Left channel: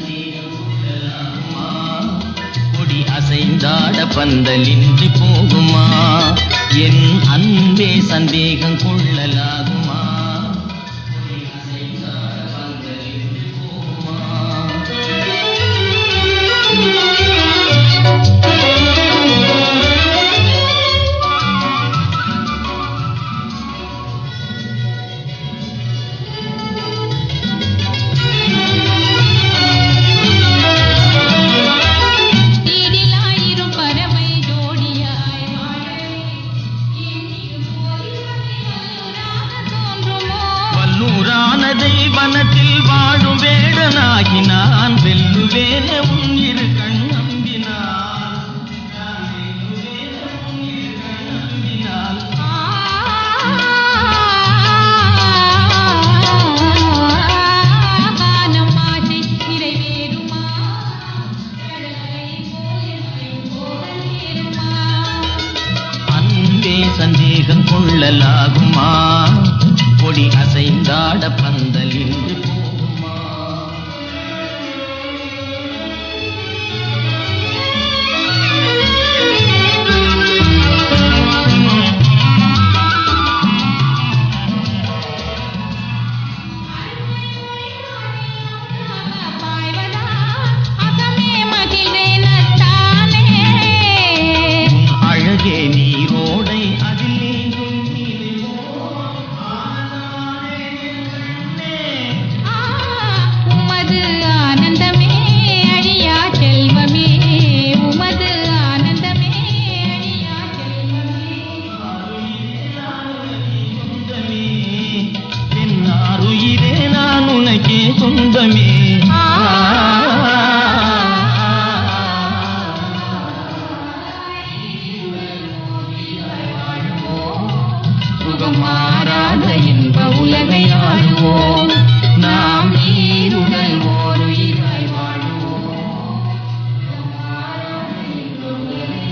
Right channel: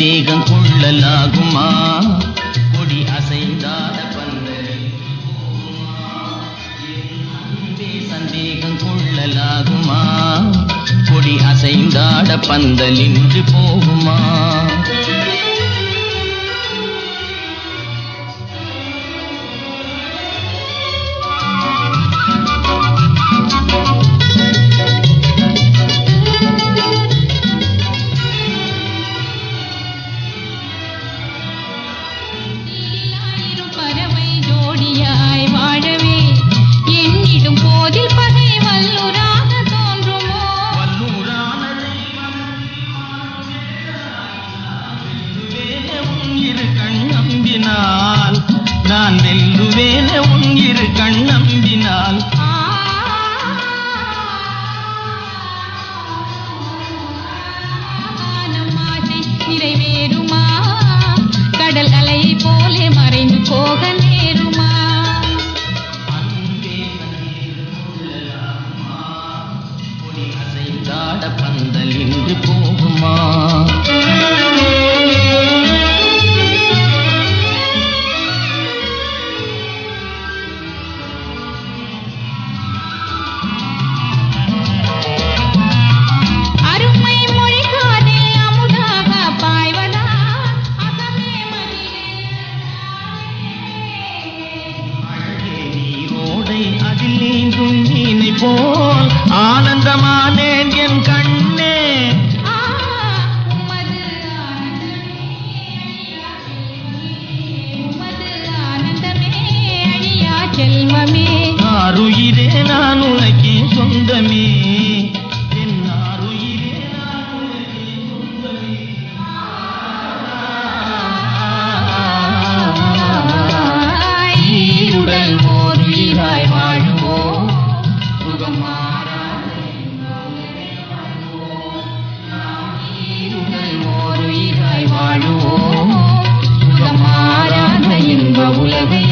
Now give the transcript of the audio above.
சந்தேகம் கொள்ளலாகுமா? கொடி அசைந்தாட பந்தலின்றி போகுமா? என் அன்பே சந்தேகம் கொள்ளலாகுமா? கொடி அசைந்தாட பந்தலின்றி போகுமா? நான் வெல்லுவேனே உன் இரு கண் நம்பினால். வானம் ஆசை நிறைவேறுமா? கடல் அலையை போலே மறைந்து போக நேருமா? அன்பே சந்தேகம் கொள்ளலாகுமா? கொடி அசைந்தாட பந்தல் இன்று போகுமா? நீரோடை அதில் நீந்தும் மீனை போல் ஆனந்தமானேன் என் கண்ணே. உமது ஆனந்தமே அழியா செல்வமே, உமது ஆனந்தமே அழியா செல்வமே. ஆருயிரே நான் உனக்கே சொந்தமே, என் ஆருயிரே நான் உனக்கே சொந்தமே. மாறாத இன்ப உலகை ஆளுவோம், நாம் நீருடல் ஓர் உயிராய் வாழுவோம். மாறாத இன்ப உலகை